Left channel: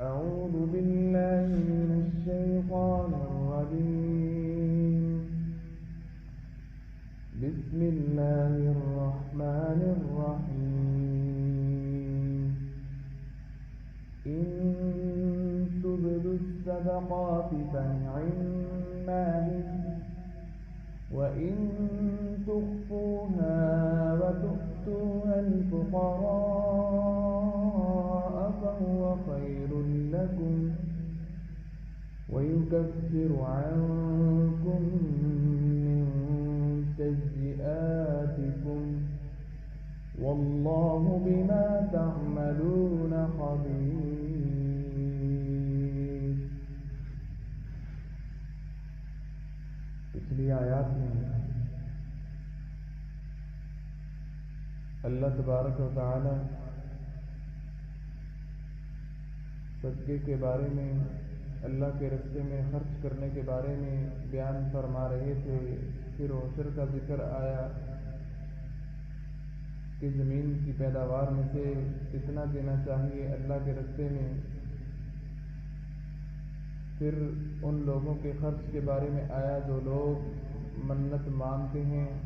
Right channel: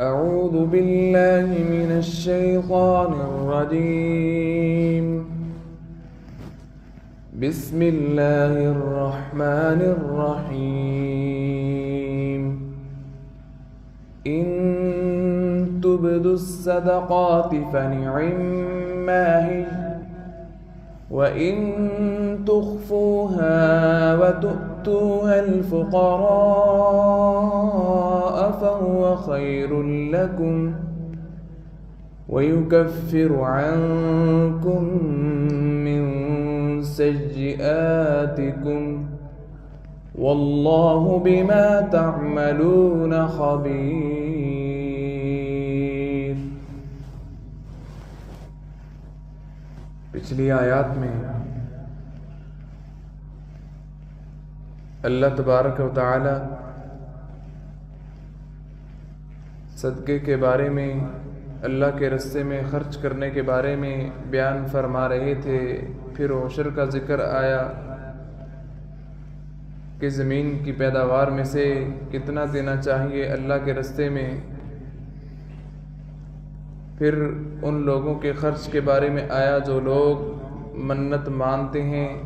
أعوذ بالله من الشيطان الرجيم. بسم الله الرحمن الرحيم. إن تبدوا الصدقات فنعما هي، وإن تخفوها وتؤتوها الفقراء فهو خير لكم ويكفر عنكم من سيئاتكم والله بما تعملون خبير۔ پچھلی آیات میں اللہ تبارک و تعالی صدقے کے بارے میں، اللہ کے راستے میں خرچ کرنے کے بارے میں بیان فرما رہے تھے۔ پھر عشر کا ذکر آیا کہ زمین کی پیداوار میں سے کتنا دینا چاہیے اللہ کے راستے میں۔ پھر ان لوگوں کے خرچ کے بارے میں آیا جو لوگ منت مانتے ہیں،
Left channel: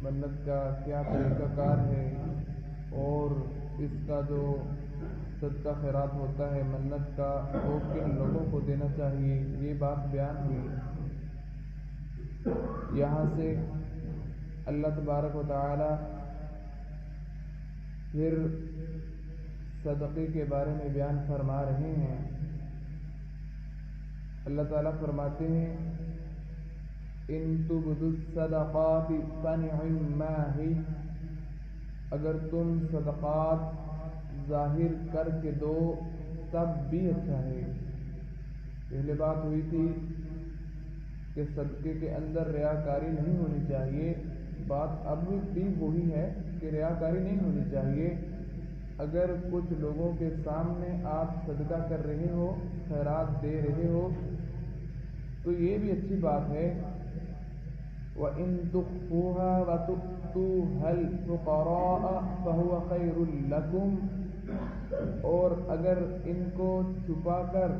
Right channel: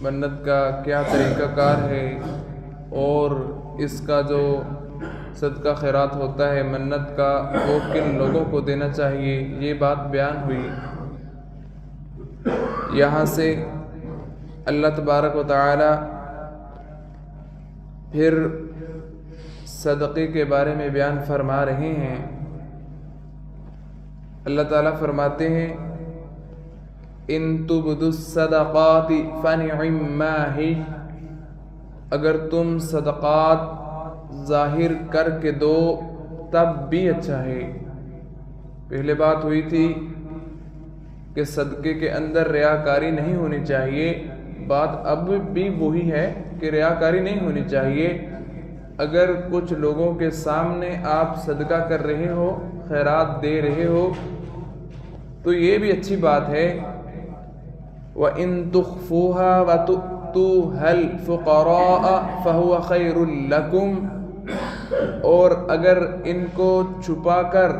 منت کا کیا طریقہ کار ہے، اور اس کا جو صدقہ خیرات ہوتا ہے منت کا، وہ کن لوگوں کو دینا چاہیے، یہ بات بیان ہوئی۔ یہاں سے اللہ تبارک و تعالی پھر صدقے کے بارے میں بیان فرما رہے ہیں۔ اللہ تعالیٰ فرماتے ہیں ان تبدوا الصدقات فنعما ہی، اگر تم صدقات ظاہر کر کے دو تب بھی اچھا ہے۔ پہلے بات ہوئی تھی کہ صدقے کے اندر ریاکاری نہیں ہونی چاہیے، بات اب بھی وہی ہے کہ ریاکاری نہیں ہونی چاہیے۔ اگر کچھ لوگوں کے سامنے آپ صدقہ کر رہے ہو، خیرات دے رہے ہو، تو یہ بھی اچھی بات ہے۔ وَإِن تُخْفُوهَا وَتُؤْتُوهَا الْفُقَرَاءَ فَهُوَ خَيْرٌ لَكُمْ، اور اگر ان کو چھپا کر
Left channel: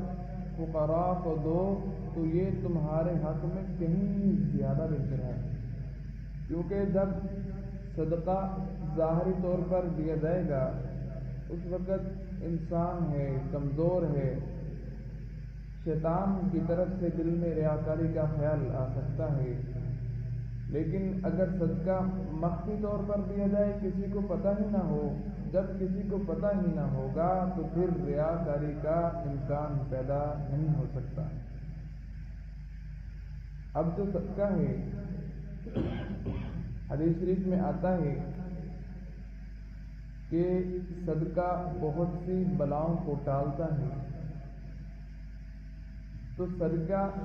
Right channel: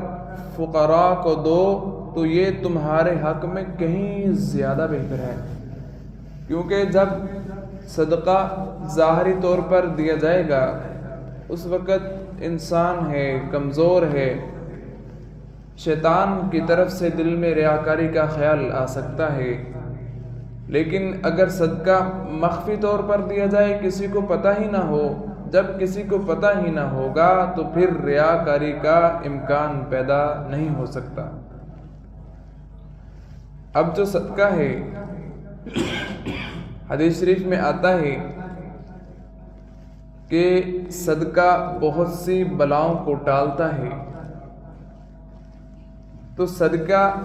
فقراء کو دو تو یہ تمہارے حق میں کہیں زیادہ بہتر ہے، کیونکہ جب صدقہ ظاہری طور پر دیا جائے گا اس وقت انسان ہے، کمزور ہے، شیطان کی طرف سے دل میں ریاکاری کا خیال آ سکتا ہے۔ لیکن اگر صدقہ مخفی طور پر دیا جائے، کسی کو پتہ ہی نہ ہو، جب کسی کو پتہ ہی نہ ہوگا تو پھر ریاکاری کا امکان پیدا نہیں ہو سکتا۔ اب جو صدقہ ہے، حدیث شریف میں آتا ہے کہ صدقہ بہت سی بلاؤں کو ٹالتا ہے۔ تو صدقہ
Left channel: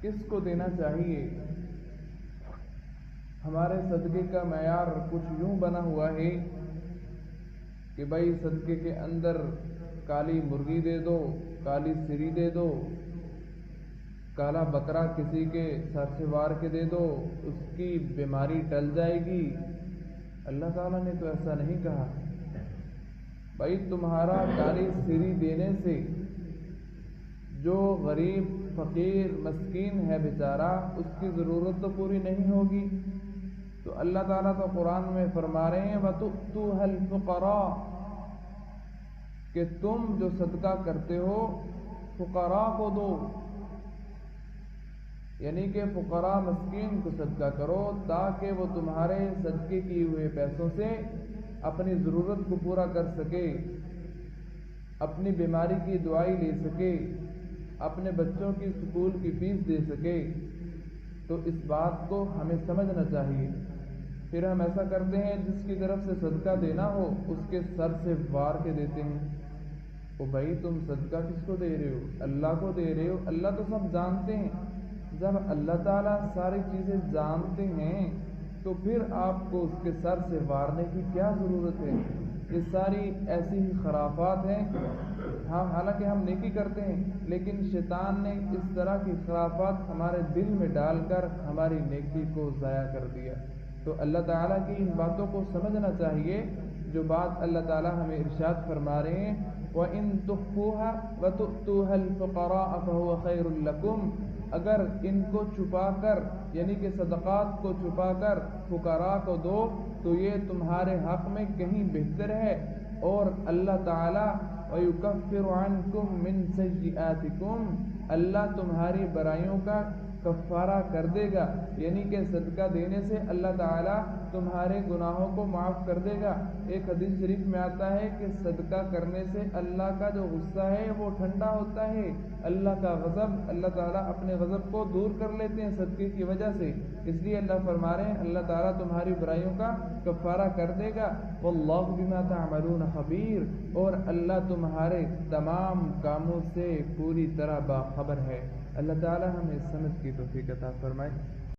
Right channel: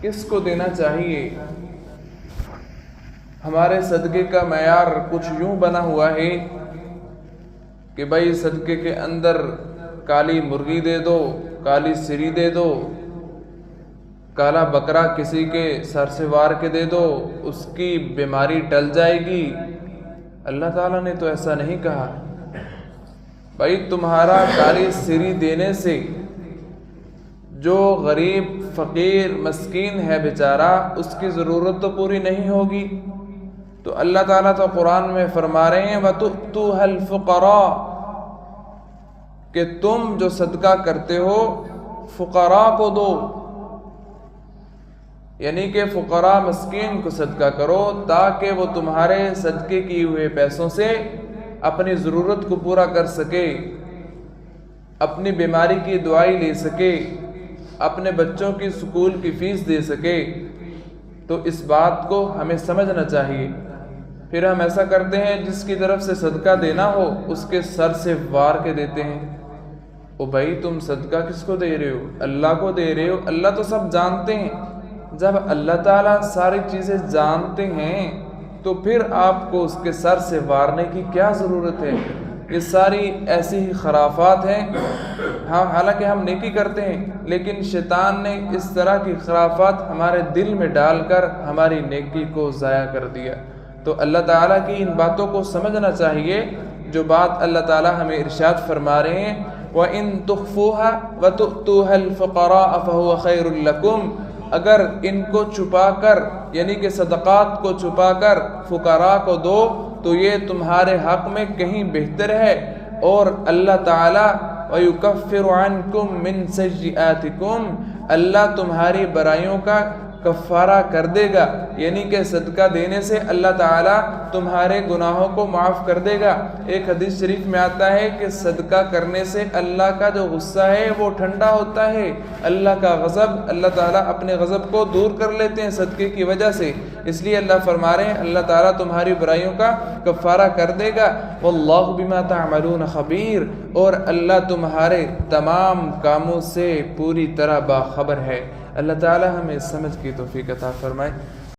کس کو دینا چاہیے؟ ہمارے صدقے کا معیار کچھ یوں بنا ہوا ہے کہ بھائی صدقے کے اندر کالی مرغی دے دو، کالی سری دے دو، کالا بکرا کسی کے سر سے وار کے دے دو، اس کی بیماری ٹل جائے گی۔ اللہ تعالیٰ نے تو ایسا نہیں کہا۔ بھائی تمہارا کالی سری دینے سے جو غریب فقیر مسکین ہے بیچارہ، اس کی ضرورت تو پوری نہیں ہوگی۔ تو اللہ تعالیٰ تو قرآن میں فرما رہے ہیں وَتُؤْتُوهَا الْفُقَرَاءَ، کہ تم جو صدقہ کرتے ہو فقراء کو دو، یعنی کہ فقراء مسکین کو صدقہ کرو تاکہ وہ تمہارے صدقے کیے ہوئے پیسوں سے اپنی ضرورت کو پورا کر سکے، اپنی بیماری کی دوائی لے سکے، اپنے بچوں کی سکول کی فیس دے سکے۔ تو اس بات کو ہمیں سمجھنا چاہیے۔ پھر ہم ایسا کرتے ہیں جس کی طرف سے صدقہ دینا ہو اس کے سر سے وار کے دیتے ہیں۔ او بھائی تم صدقہ کس کو دے رہے ہو؟ اللہ کو دے رہے ہو۔ اللہ تو سب جانتے ہیں۔ جب اللہ تعالیٰ ساری چیزیں جانتے ہیں تو پھر آپ کو اس کے سر سے وارنے کی کیا ضرورت ہے؟ یہ ساری ایسی ہی خرافات ہیں۔ ہاں حالانکہ ہم نیکی کرتے ہیں، لیکن شیطان نے اس طرح کی خرافات ہمارے دل میں ڈال کر ہماری نیکی کو ضائع کر دیا۔ تو اللہ تعالیٰ کی ان باتوں کو سمجھنا چاہیے۔ جو بات اللہ تعالیٰ ہمیں ارشاد فرما رہے ہیں وَإِن تُخْفُوهَا وَتُؤْتُوهَا الْفُقَرَاءَ فَهُوَ خَيْرٌ لَكُمْ، اگر ان کو چھپا کر یعنی کہ صدقات کو چھپا کر فقراء کو دو تو یہ تمہارے حق میں کہیں بہتر ہے، اور اللہ تعالیٰ وَيُكَفِّرُ عَنْكُم مِّن سَيِّئَاتِكُم، اللہ تمہاری برائیوں کا کفارہ کر دے گا، یعنی کہ صدقہ دینے سے اللہ تعالیٰ تمہارے گناہوں کو معاف کر دے گا۔ ایک حدیث شریف میں آتا ہے کہ صدقہ کرنے سے اللہ کا جو غصہ ہے وہ ٹھنڈا ہوتا ہے، اللہ کا غضب، اللہ تعالیٰ اپنے غضب کو دور کر لیتے ہیں صدقے کی وجہ سے، اس لیے اللہ فرما رہے ہیں اللہ تعالیٰ تمہاری برائیوں کا کفارہ کر دے گا۔ واللہ بما تعملون خبیر، اور اللہ تمہارے تمام کاموں سے پوری طرح باخبر ہے۔ اللہ تعالیٰ ہمیں سمجھ کی توفیق عطا فرمائے۔